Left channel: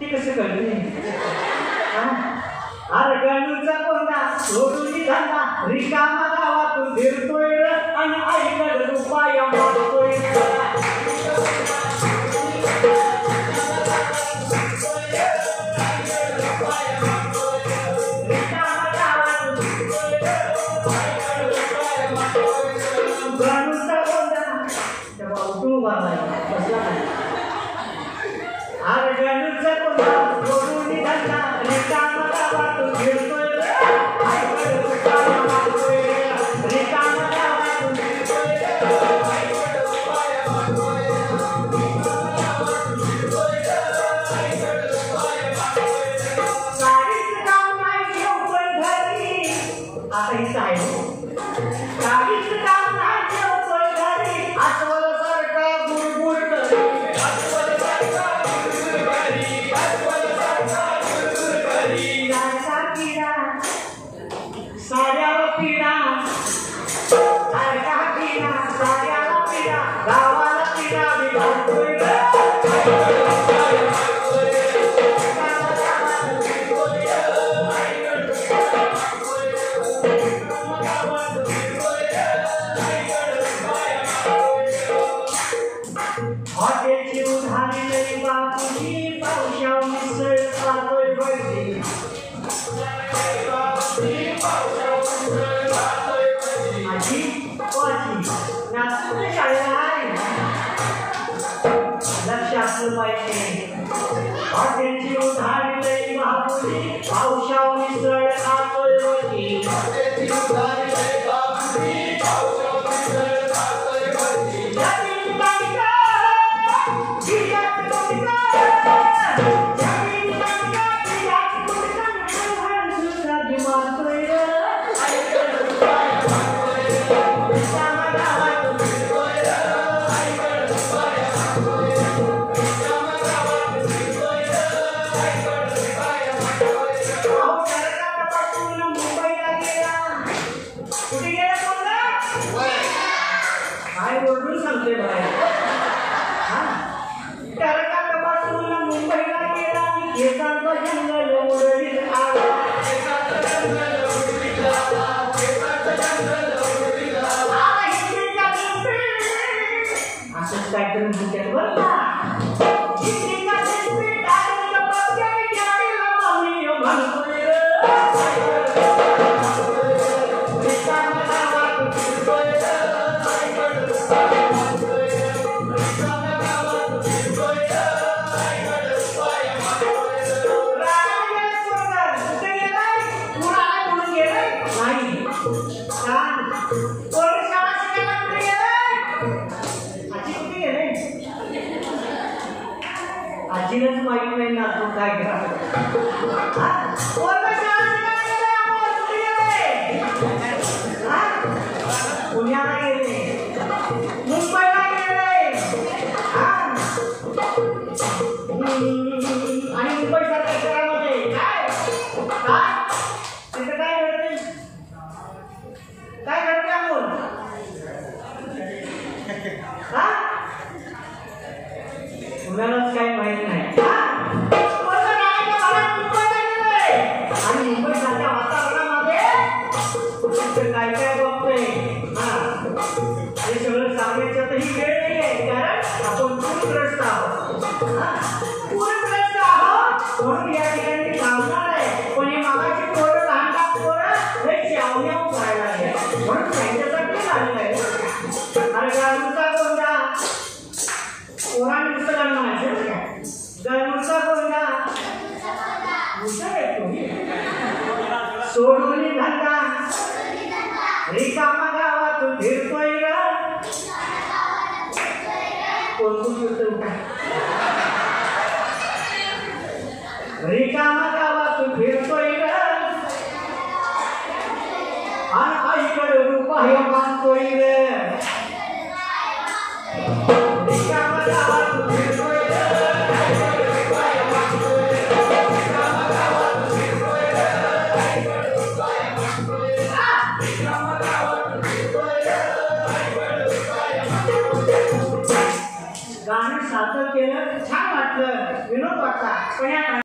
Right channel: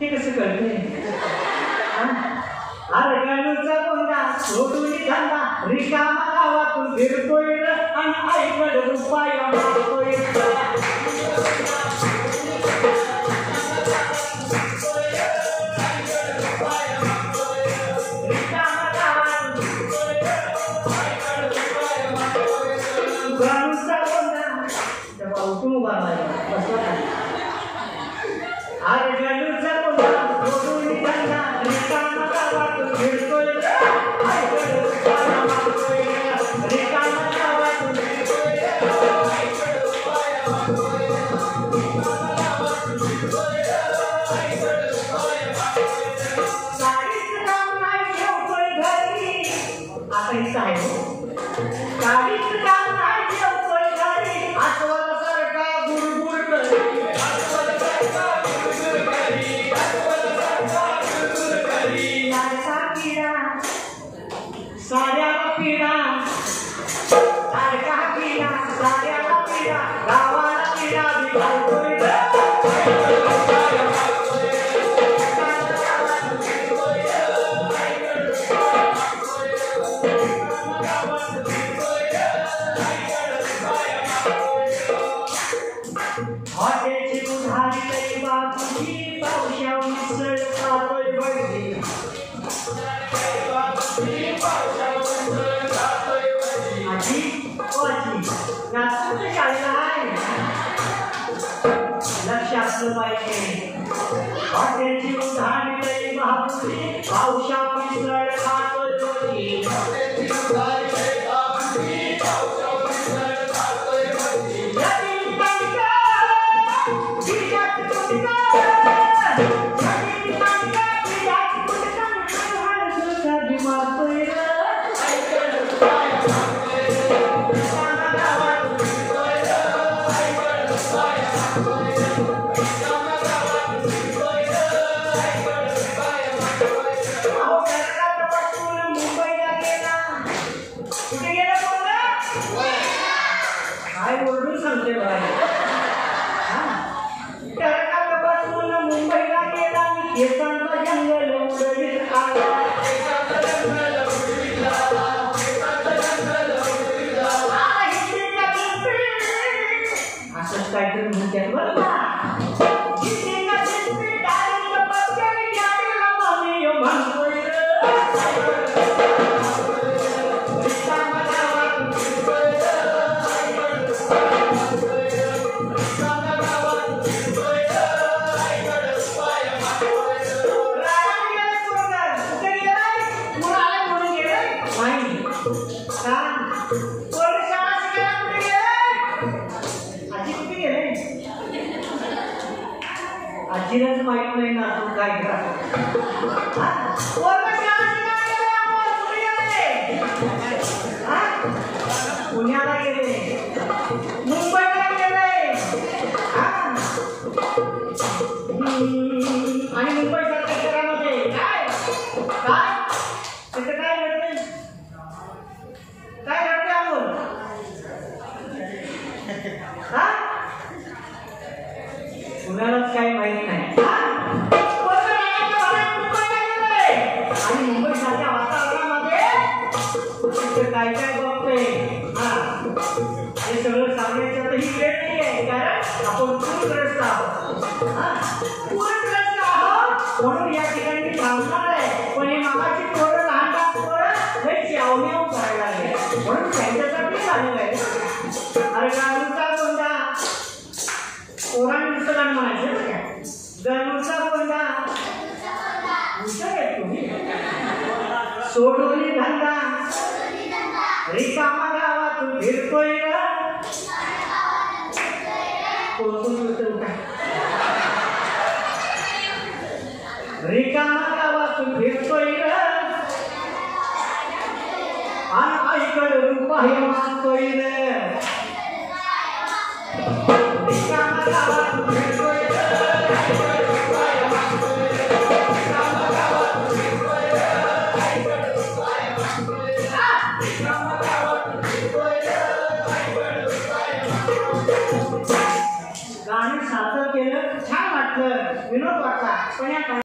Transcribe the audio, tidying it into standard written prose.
ते कसं कळलं अरे गणूचा कोंडा सोडून धंदा रिकामा गावातून फिरतोय आणि आईकडे रुपया मागतोय गणूचा कोंडा तेव्हा उठून उभा बसला अरे गणूचा कोंडा सोडून धंदा रिकामा गावातून फिरतोय आईकडे रुपया मागतोय रिकामा गावातून फिरतोय आईकडे रुपया मागतोय साडीच काम नाही ठेवतोय घरी आता इथं आहे साडीच काम नाही ठेवतोय घरी आठवलं सारखा गुडगुड साड्याला पिढा सारखा पिढा साड्याला पिढा गावाला पिढा विभागतोय हॉटेलची उधारी लई बापूची पावसाव मिसळ खातोय बैठी आजी वाची नाचून शाळेला आहे लक्ष असलं पाहिजे हॉटेलची उधारी लई बापूची पावसाव मिसळ खातोय बैठी हॉटेलची उधारी लई बापूची पावसाव मिसळ खातोय बैठी काय बोलून सांगते मुंबईला गेला केसांचा जंगल उडवीत आला असंच काहीतरी म्हणतात बरं का आजीलाच माहित नाही ना तू काय करा पुण्याला गेले मुंबईला गेले आणि मुंबईच्या परिसरामध्ये काय काय तिथे काय घडते काय घडते अमोल कुणालाच काही माहित नाही आणि मुंबईसारख्या वातावरणामध्ये काय काय बघतोय आणि सगळं सांगायचं तर ही वेळ नाही आहे कारण आपण पूरग्रस्त आहोत पूरग्रस्त आहोत म्हणून या ठिकाणी थांबणार आहे पण हे मागाची पोरं लहान पोरं हे चावण्या करायला लागले म्हणून त्यांच्यासाठी झालेलं आहे अरे गणूचा कोंडा पोरांनी दुसरं म्हणायचं गणूचा कोंडा सोडून धंदा रिकामा गावातून फिरतोय कोणतून रिकामा गावातून फिरतोय आणि आईकडे रुपया मागतोय रिकामा गावातून फिरतोय गाणी सादर केलं छान वाटलं विनोद असा पण या